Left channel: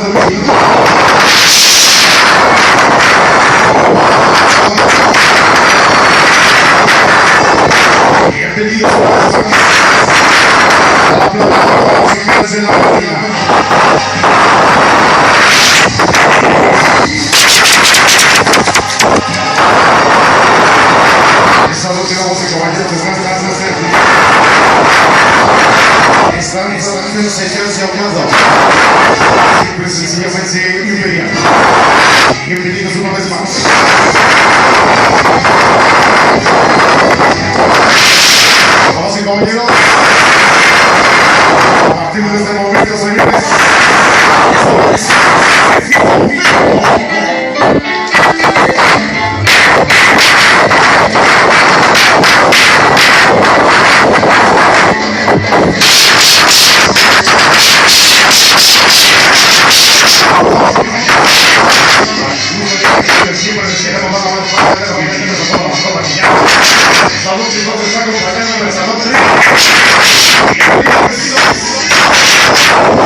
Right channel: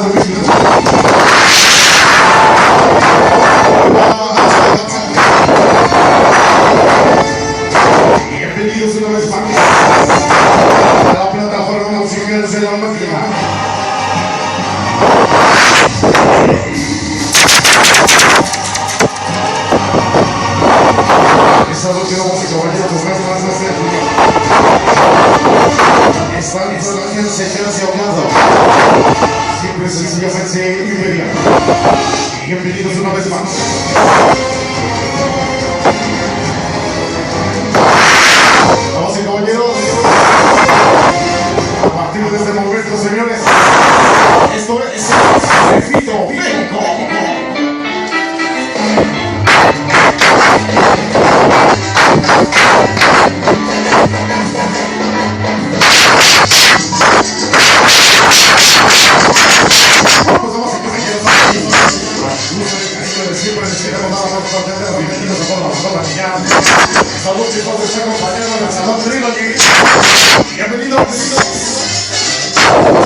Bienvenidos a la plataforma musicales de la vida. Esta noche, damas y caballeros, están instalando señores y audiencia. Simple y sencillamente inmediato. Bienvenidos una vez más. Damas y caballeros, a partir de este momento, señores, esto es salud, si nos está acompañando en la salud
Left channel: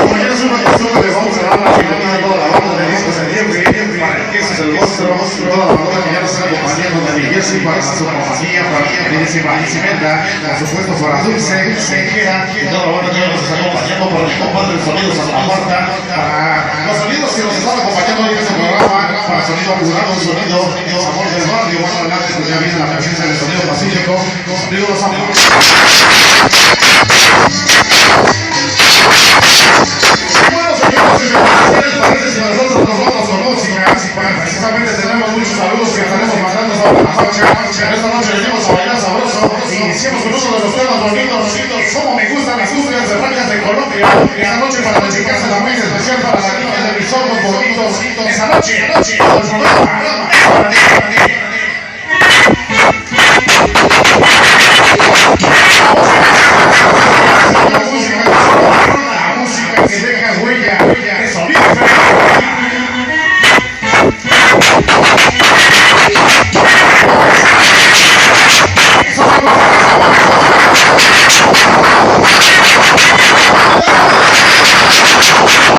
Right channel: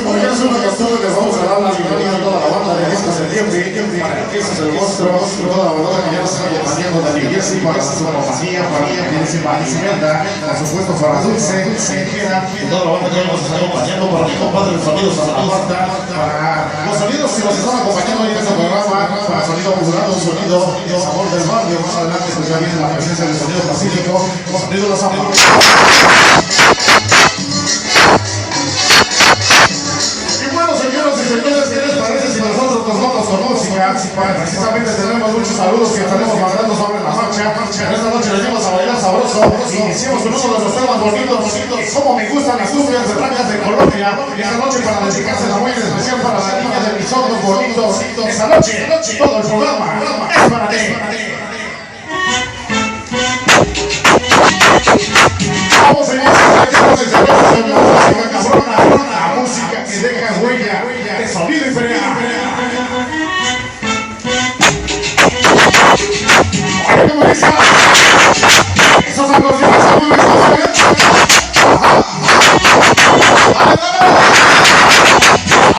como ya es una costumbre, les vamos a dar la bienvenida a toda la banda de discos de Jeffrey, para que ese es el monstruo, toda la banda que ya nos está acompañando, Daniel Jesse, para su compañía, para Isimenda, por supuesto para Dulce, Sejera, y toda la banda que ya nos está acompañando, para mi compadre el sonido Santa Marta, para los sonidos que nos están acompañando hoy en este programa, para sonido apurado, sonido sabor del barrio, más adelante pues ya viene la presencia del sonido pacífico, digo los amores. Bueno, señoras y señores, ¿qué les parece si nosotros nos vamos con música? Precisamente tenemos muchos saludos que estaremos mandando sobre la marcha. Esta noche venimos a bailar sabroso y iniciamos con uno de los temas bonitos, como me gustan las cumbias de Blancas de Colombia. Esta noche para dedicársela muy especial para las niñas de mis ojos bonitos. Esta noche, todo el programa es para ti. La música que deja huella,